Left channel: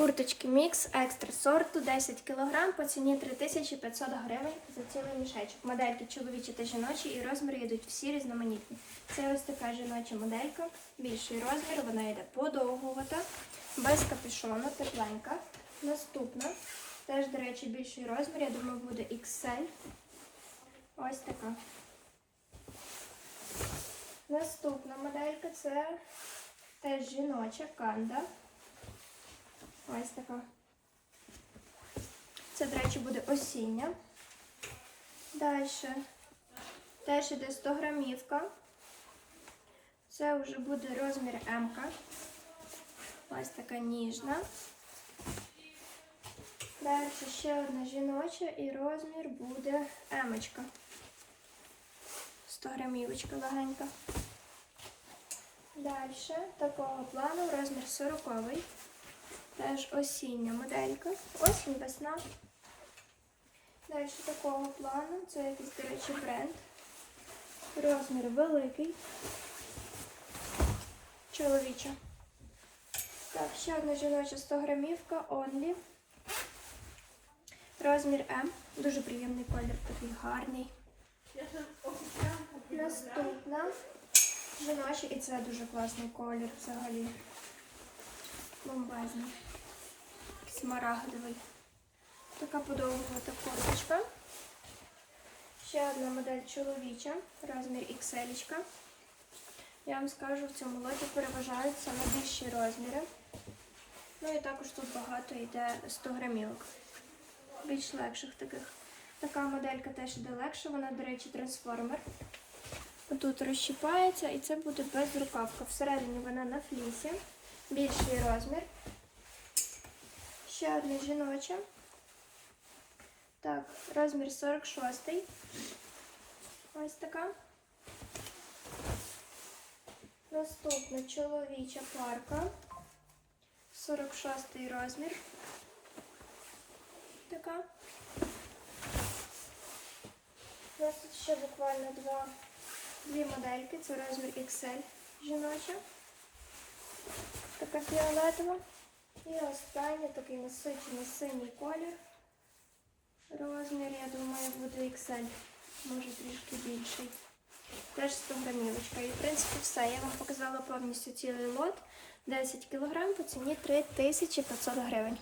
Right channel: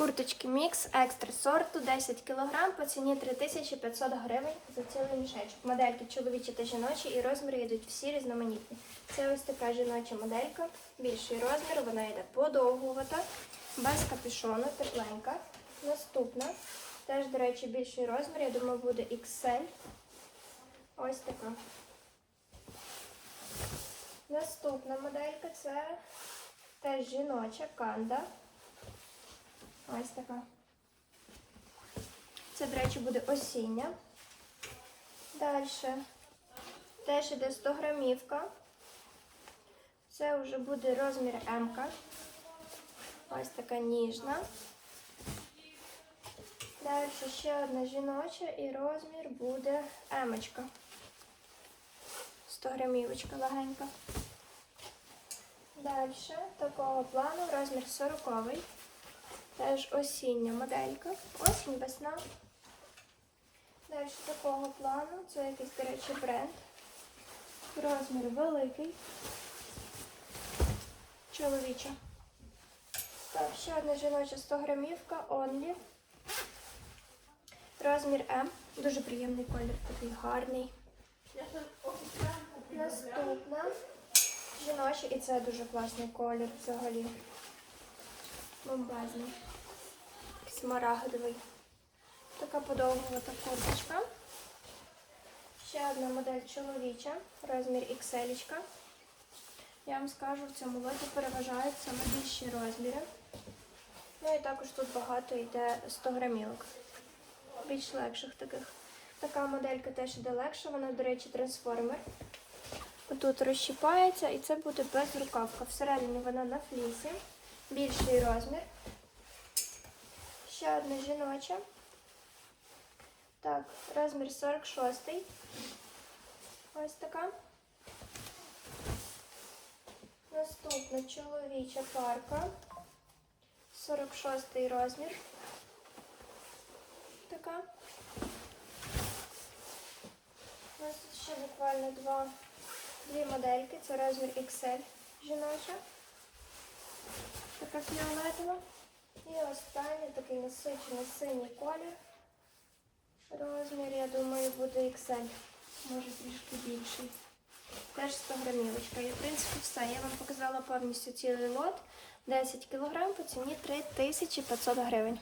Курточки мікс екстра сорту 10 кг по ціні 3500 гривень за цілий мішечок. Модельки чоловічі та жіночі і розміри йдуть всі різноманітні. Це ось така жіноча моделька, більший розмір, вона йде подовгувата, без капюшону, тепленька. Наступна, теж, до речі, більший розмір, я думаю, буде XL. Ось така. Наступна моделька це теж жіноча канда. Ось така. Це, до речі, буде осіння. Далі. Теж іде 100 грамівка. Це вже буде розмір М. Ось така ніжна. Далі ще одна жіноча і розмір буде Емочка. 100 грамівочка легенька. Далі такого плану розмір 40 Теж осіння моделька. Осінь, весна. Далі такого плану. Це якийсь, до речі, бренд. Розмір великий. Чоловіча. Так, ще одна жіноча 100 грамівка, Only. Розмір М. Дуже приємний колір, такий гарний. Наступна. Жіноча, і це дуже класний колір взагалі. Бомбезний. Смарагдовий. Така подовгувата курточка. Ще одна модель чоловіча, розмір XL. Я вам скажу, в цьому лоті переважають саме більші розміри. Ну і також тут багато йде 100 грамілок. Більш легших таких. Така моделька теж йде легша, вона, до речі, трансформер. Тут розщіпається і це буде безрукавка. Всередині вона на флісі. Більший розмір. Ще одна жіноча. Так, розмір 46. Ось така. Наступна чоловіча парка. 46 розмір. Така. У нас тут ще буквально два, дві модельки. Це розмір XL жіноча. Така фіолетова. І останній такий насичений синій колір. Розмір, я думаю, буде XL. Може трішки більший. Теж 100 грамівочка. І в принципі все. Я вам показала повністю цілий лот. 10 кг по ціні 3500 гривень.